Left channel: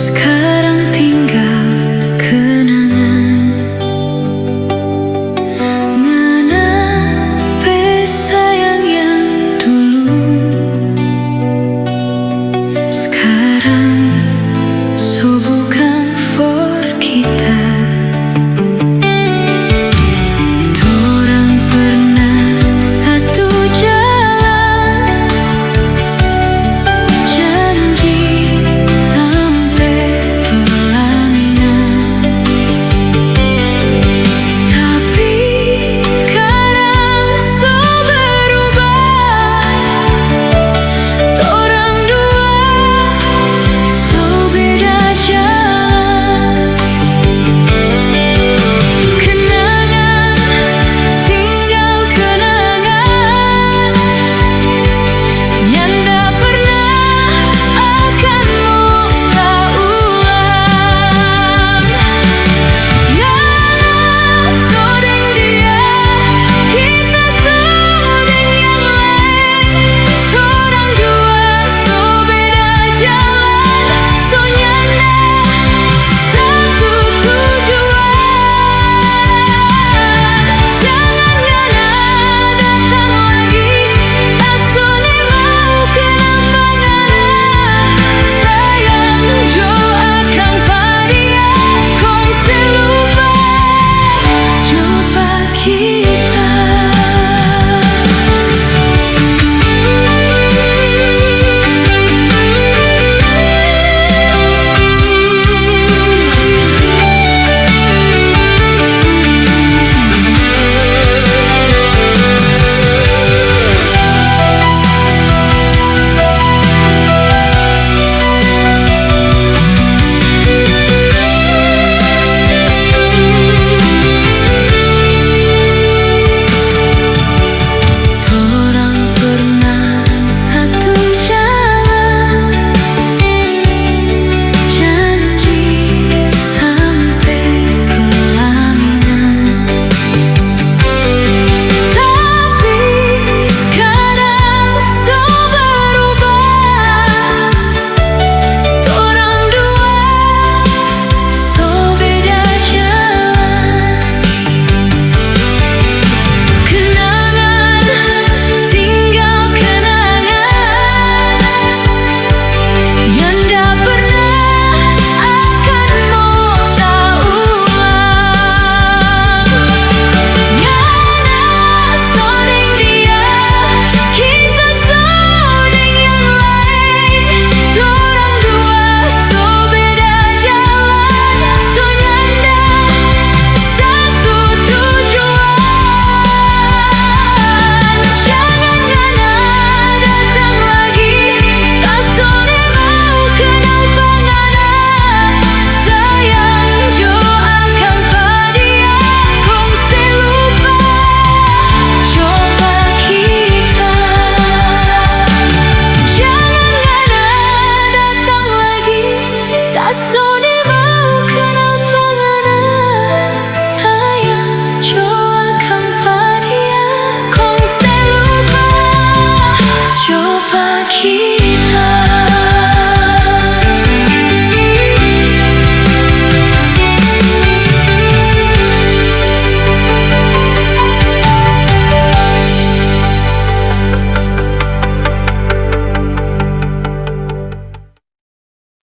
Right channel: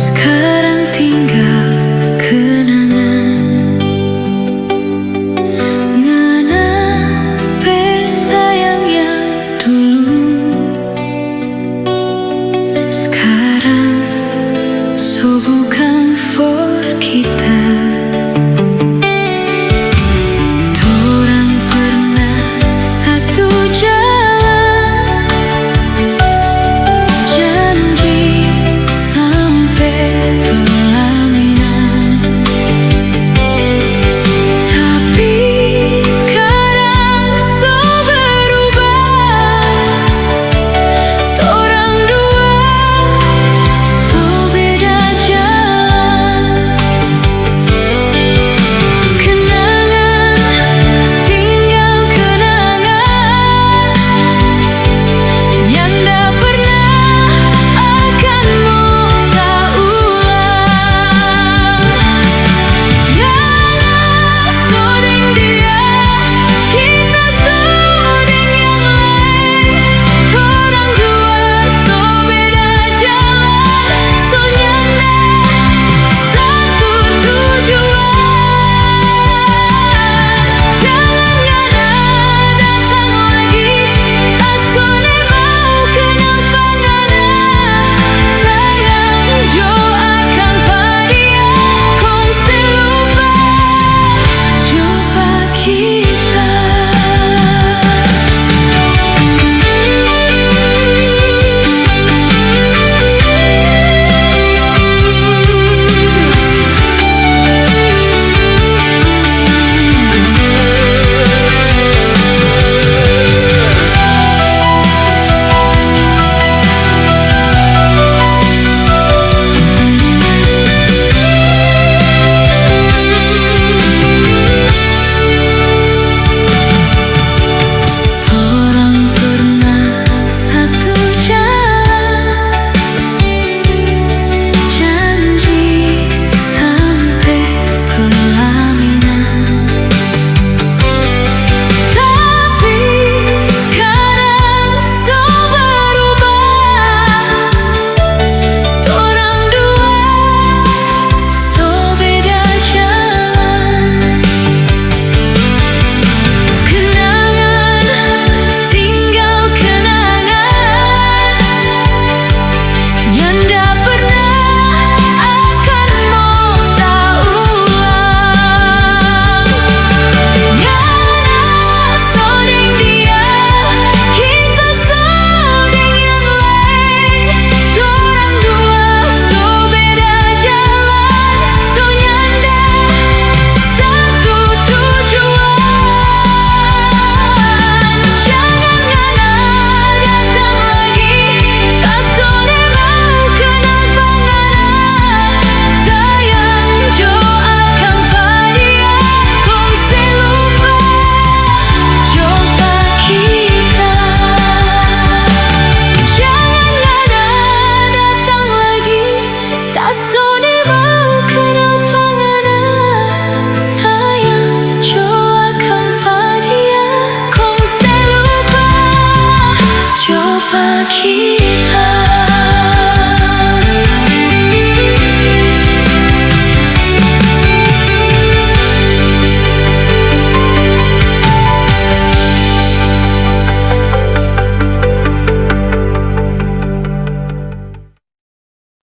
Sekarang tinggal kenangan. Nganape sayang yang dulu, sekarang so bukan for kita. Torang pernah satu jalan, janji sampai pelaminan. Tapi sekarang so berubah, torang dua so beda jalan. Kenangan tinggal kenangan, nyanda pernah akan mau tak ulang. Ngana sodeng dia, kita sodeng yang lain. Torang dua so beda jalan, so nyanda satu tujuan. Jangan ngana datang lagi, tak sone mau kenal pangana. Sayang jo akang padia, kong selupa coba kita. Torang pernah satu jalan, janji sampai pelaminan. Tapi sekarang so berubah, torang dua so beda jalan. Kenangan tinggal kenangan, nyanda pernah akan mau tak ulang. Ngana sodeng dia, kita sodeng yang lain. Torang dua so beda jalan, so nyanda satu tujuan. Jangan ngana datang lagi, tak sone mau kenal pangana. Sayang jo akang padia, kong selupa coba kita. Jangan ngana datang lagi, tak sone mau kenal pangana. Sayang jo akang padia, kong selupa coba kita.